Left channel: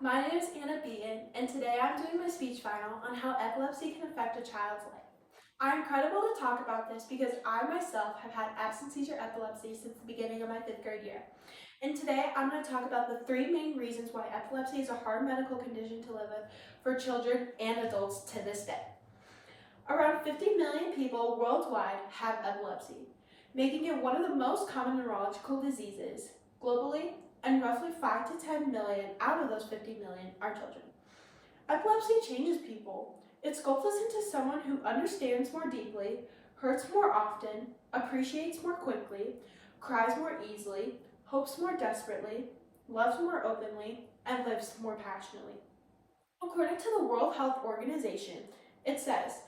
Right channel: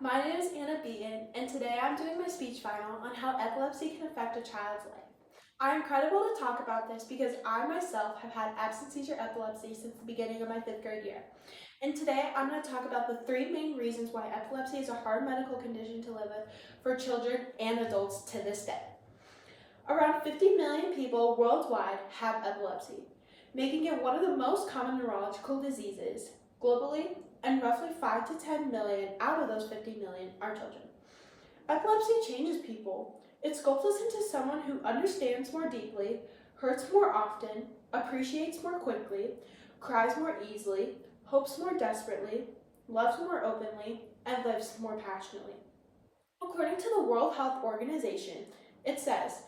my name is Beaton, and today I'm doing my speech final on how epilepsy can affect a child's life. I'm incredible to talk about this because I myself have had absence seizure epilepsy since the beginning of my 5th grade year. And today I'm going to talk about the 3 main reasons why epilepsy is a hard medical condition to live with for children and adults to this day. Around 50 million people worldwide have epilepsy, making it one of the most common neurological diseases globally, and roughly 5 to 10 million out of those 50 million are children. Epilepsy changes people. It sculpts us into someone who understands more deeply, hurts more often, appreciates more quickly, cries more easily, hopes more desperately, loves more openly, and lives more passionately. According to the World Health Organization, it says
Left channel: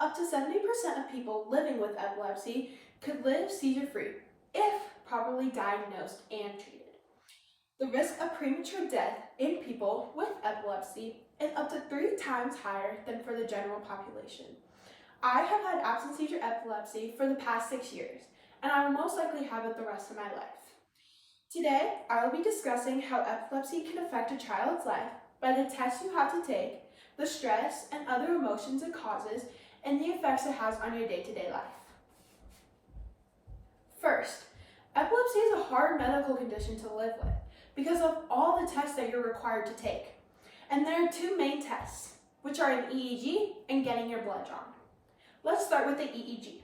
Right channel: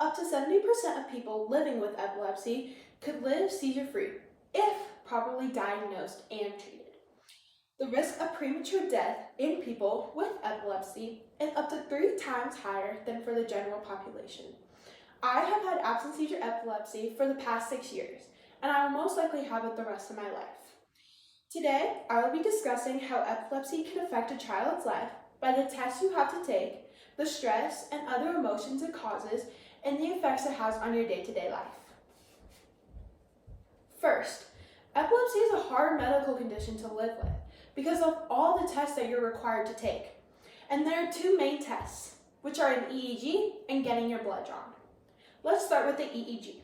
up to 70% of people living with epilepsy could live seizure-free if properly diagnosed and treated. The risk of premature death in people with epilepsy is up to 3 times higher than for the general population. I have had absence seizure epilepsy for the past 6 years, and I will most likely have it the rest of my life. Today, I will be discussing how epilepsy can affect a child's life by the tests you have to take, the stress and other emotions it causes, and the effects it has on your day-to-day life. First, epilepsy is a hard medical condition to live with because of all the tests that you're required to take. And there are 2 main tests, which are an EEG and getting your blood drawn. Let's start with the EEG.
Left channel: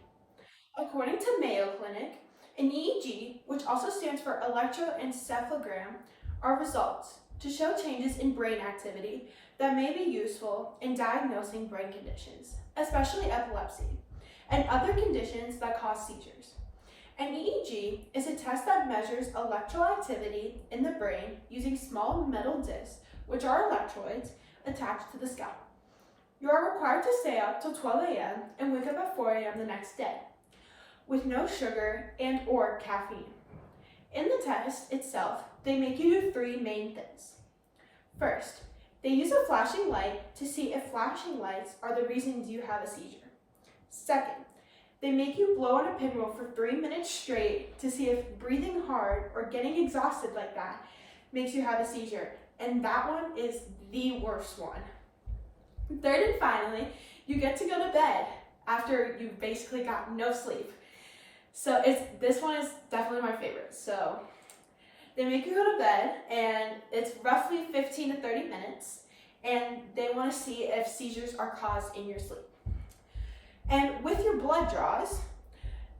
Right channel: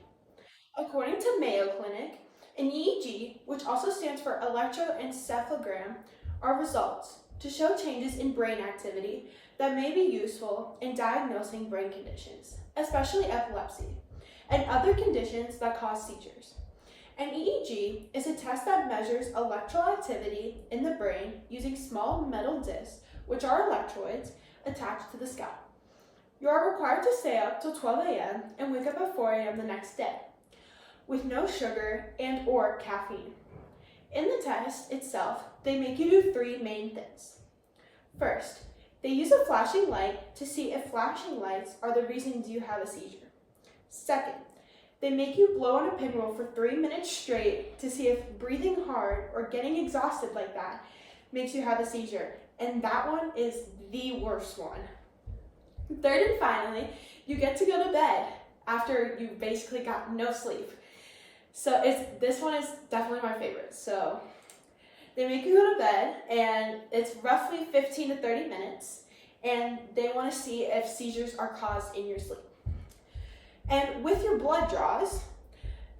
According to Mayo Clinic, an EEG, which also stands for electroencephalogram, are results to show changes in brain activity that may be useful in diagnosing brain conditions, especially epilepsy, and other conditions that cause seizures. An EEG is a test that measures electrical activity in the brain using small metal discs, which are electrodes, attached to the scalp. You are required to stay up till 12 a.m. and wake up at 4 a.m. the next day, with no sugar and or caffeine. In the test itself, they make you do 3 main things. First, they use a flashing light to see if flashing lights are the reasons you have a seizure. Second, they make you blow on a pinroll for 3 minutes straight to see if breathing hard or getting exhausted like that makes you have a seizure. And that one is the worst one. Third and finally, you get to go to bed after you basically got no sleep. So this one is definitely my favorite. So they make you go to bed and it's roughly 15 to 30 minutes and they want to see if seizures are caused in your sleep. And with your blood draws,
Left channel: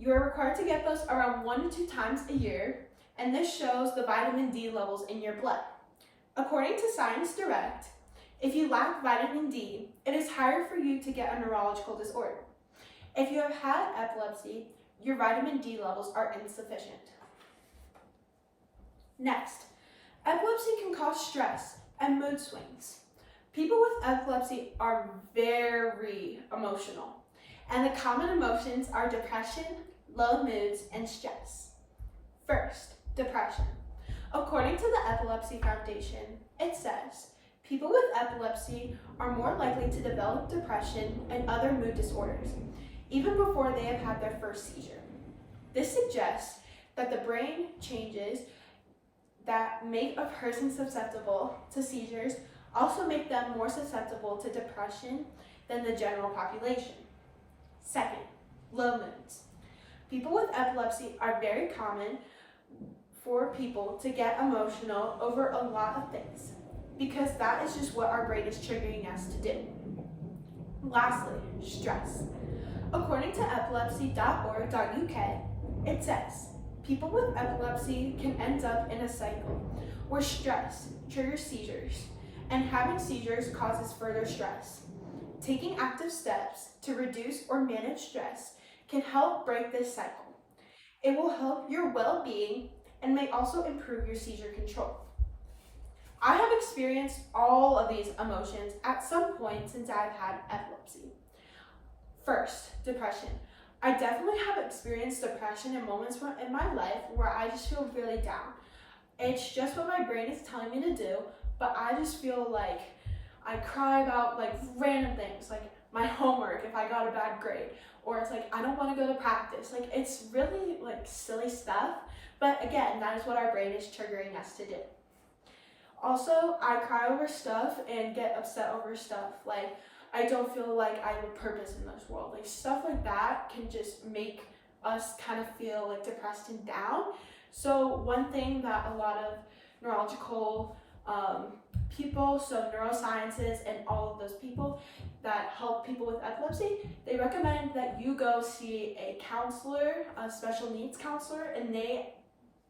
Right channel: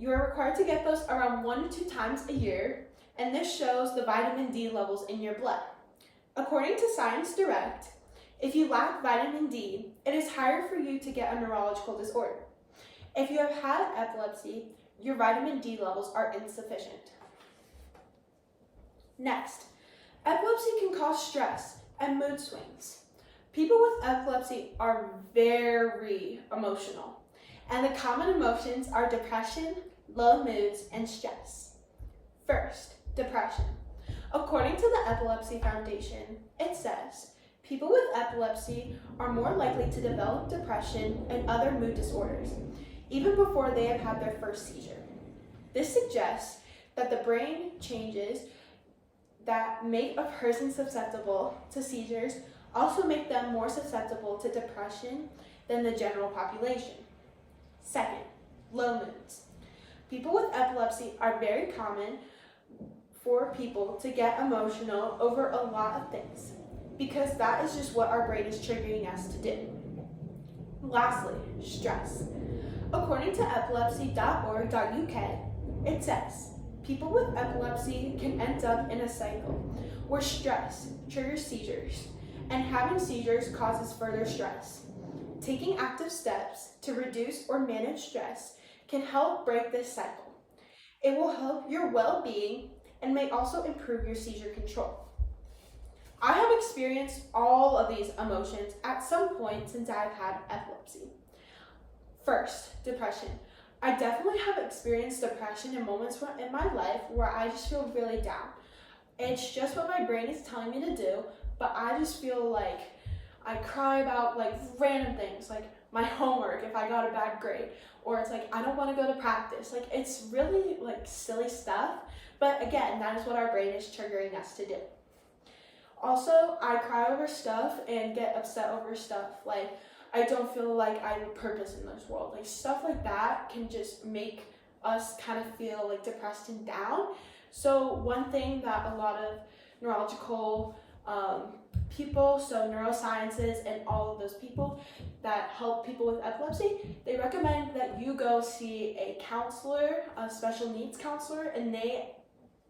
you are required to get those around 1 to 2 times a year, and this shows the vitamin D levels in your blood. According to Science Direct, if you lack vitamin D, it is higher for you to get a neurological disorder. If you have had epilepsy, your vitamin D levels are insufficient. Next, epilepsy can cause stress and mood swings. People with epilepsy are very emotional. And the common emotions are depression, low moods, and stress. First, depression. According to the Epilepsy Foundation, it says people with epilepsy are more likely to develop depression and other mood disorders, even before they have had their first seizure. This suggests that the brain changes that make a person susceptible to seizures also make them more susceptible to depression than the general population. Second, low moods. People with epilepsy are very common for people to get emotional over a lot of things because that is just what our brain is triggering us to do. Lastly, stress. According to epilepsy.org.uk, it says people with epilepsy can end up in a cycle where stress triggers seizures and having seizures causes further stress. Taking active steps to reduce or manage stress can help break this cycle. It will help your well-being and may also improve your seizure control. I have experienced all of these emotions at some point since I've had epilepsy. First, depression. I definitely have experienced depression in moments in my life where I just feel really down. It's just what my brain is telling me to do, but I just feel like I cry about random things, like my homework if I got a bad grade, or it's like I don't want to go to practice. It's really silly stuff, but again, that is what our brain is triggering us to do. Also, I cry over stuff and get upset over stuff. Like, I don't feel like I have a purpose in this world. Like, stuff like that can just make us kind of feel like depressed and down. So one thing that a lot of neurological people, so neurosciences and all of those people that help people with epilepsy, they recommend that you go see a counselor, a special needs counselor, and they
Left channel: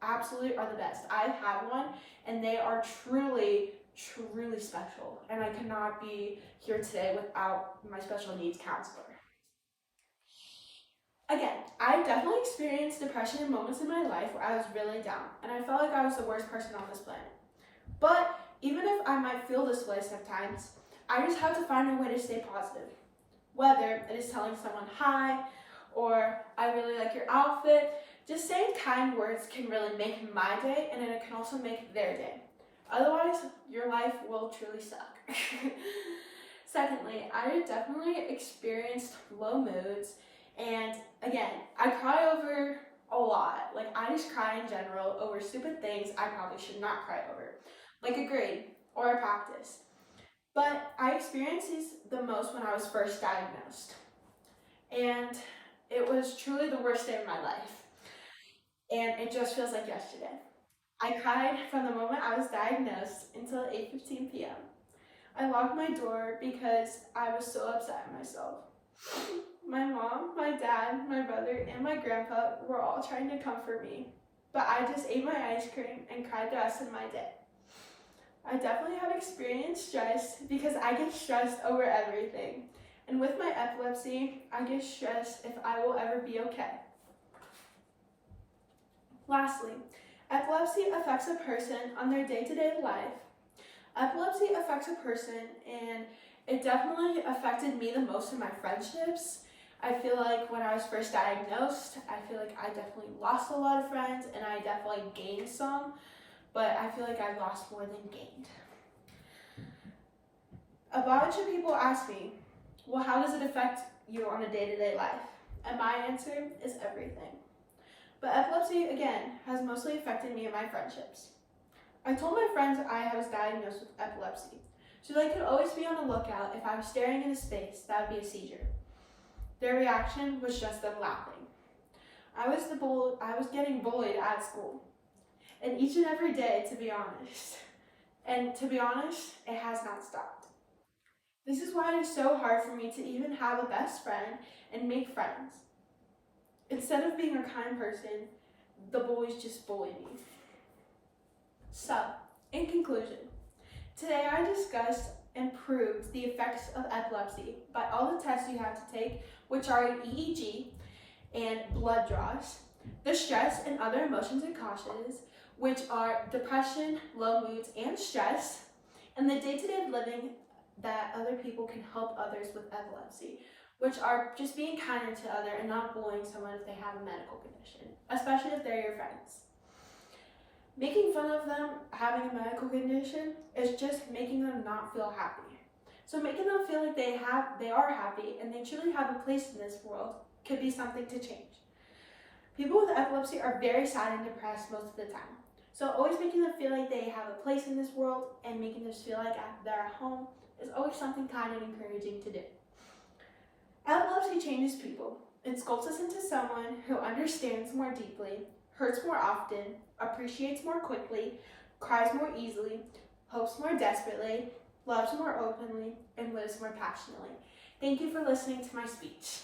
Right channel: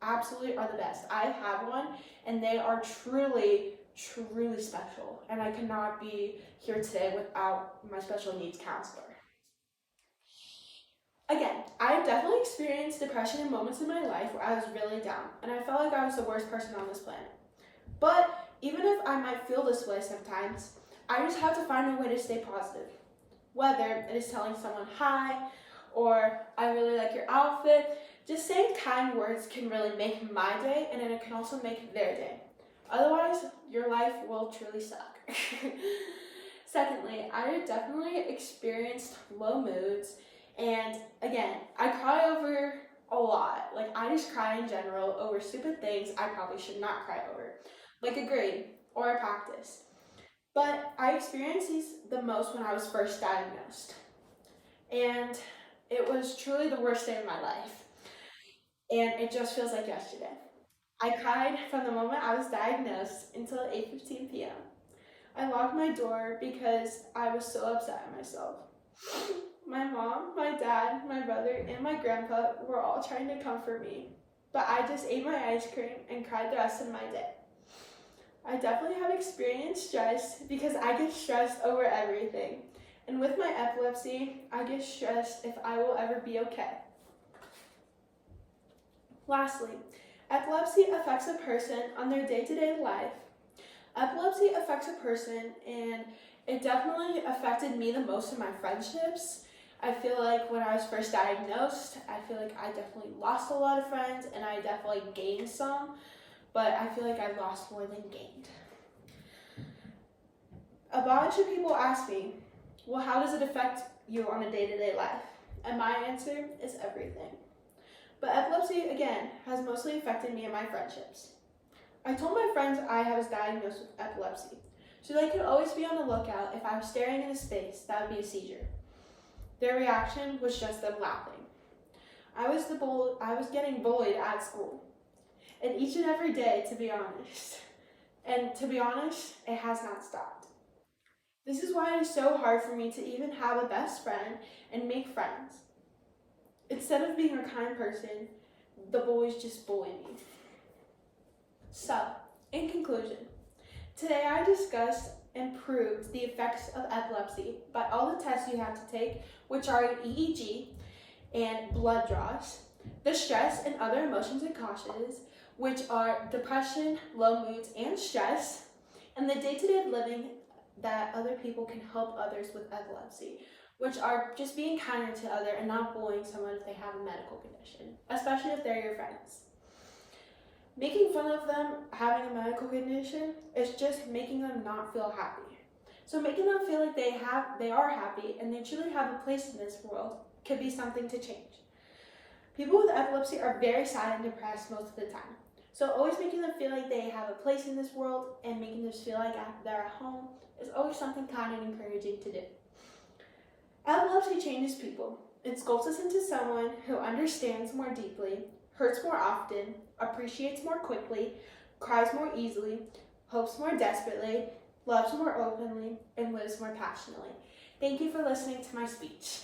absolutely are the best. I've had one, and they are truly, truly special, and I cannot be here today without my special needs counselor. Again, I've definitely experienced depression in moments in my life where I was really down, and I felt like I was the worst person on this planet. But even if I might feel this way sometimes, I just have to find a way to stay positive. Whether it is telling someone hi, or I really like your outfit, just saying kind words can really make my day, and it can also make their day. Otherwise, your life will truly suck. Secondly, I definitely experienced low moods, and again, I cry over a lot. Like, I just cry in general over stupid things I probably should not cry over, like a grade or a practice. But I experienced these the most when I was first diagnosed, and it was truly the worst day of my life, and it just feels like yesterday. I cried from the moment I was diagnosed until 8:15 p.m. I locked my door because I was so upset at myself. My mom, my dad, my brother, and my grandpa were all trying to comfort me, but I just ate my ice cream and cried the rest of my day. I definitely have experienced stress because I get stressed over everything. And with my epilepsy, I get stressed if I will ever be okay. Lastly, epilepsy affects a person on their day-to-day life. Epilepsy affects a person, and it definitely affected me the most in my friendships. I feel like when I was first diagnosed, I feel like I definitely lost a lot of friends, and I definitely gained some, but I feel like I lost more than gained. A bunch of people ask me, well, how does it affect you on a day-to-day life? And my answer is everything. But epilepsy, again, has mostly affected me and my friendships. I told my friends I was diagnosed with epilepsy, so they could always be on the lookout if I was staring into space, that would be a seizure. Their reaction was just them laughing. I was getting bullied at school, and each and every day, to be honest. And to be honest, it has not stopped. This is why it is so hard for me to even have a best friend and make friends. Instead of being a kind person, the bullies just bully me. So, in conclusion, today I discussed and proved the effects of epilepsy by all the tests you have to take, which are an EEG and blood draws, the stress and other emotions and causes, which are depression, low moods, and stress, and the day-to-day living that other people can help others with epilepsy, which are just being kinder to others and not bullying someone if they have a medical condition, especially if they're your friends. Making fun of them having a medical condition is just making them not feel happy. So making them feel like they are happy and they truly have a place in this world could be something to change. People with epilepsy are very sad and depressed most of the time. So always making them feel like they have a place in this world and making them feel like they're at home is always something kind and encouraging to do. Epilepsy changes people. It sculpts us into someone who understands more deeply, hurts more often, appreciates more quickly, cries more easily, hopes more desperately, loves more openly, and lives more passionately. Thank you for listening to my speech.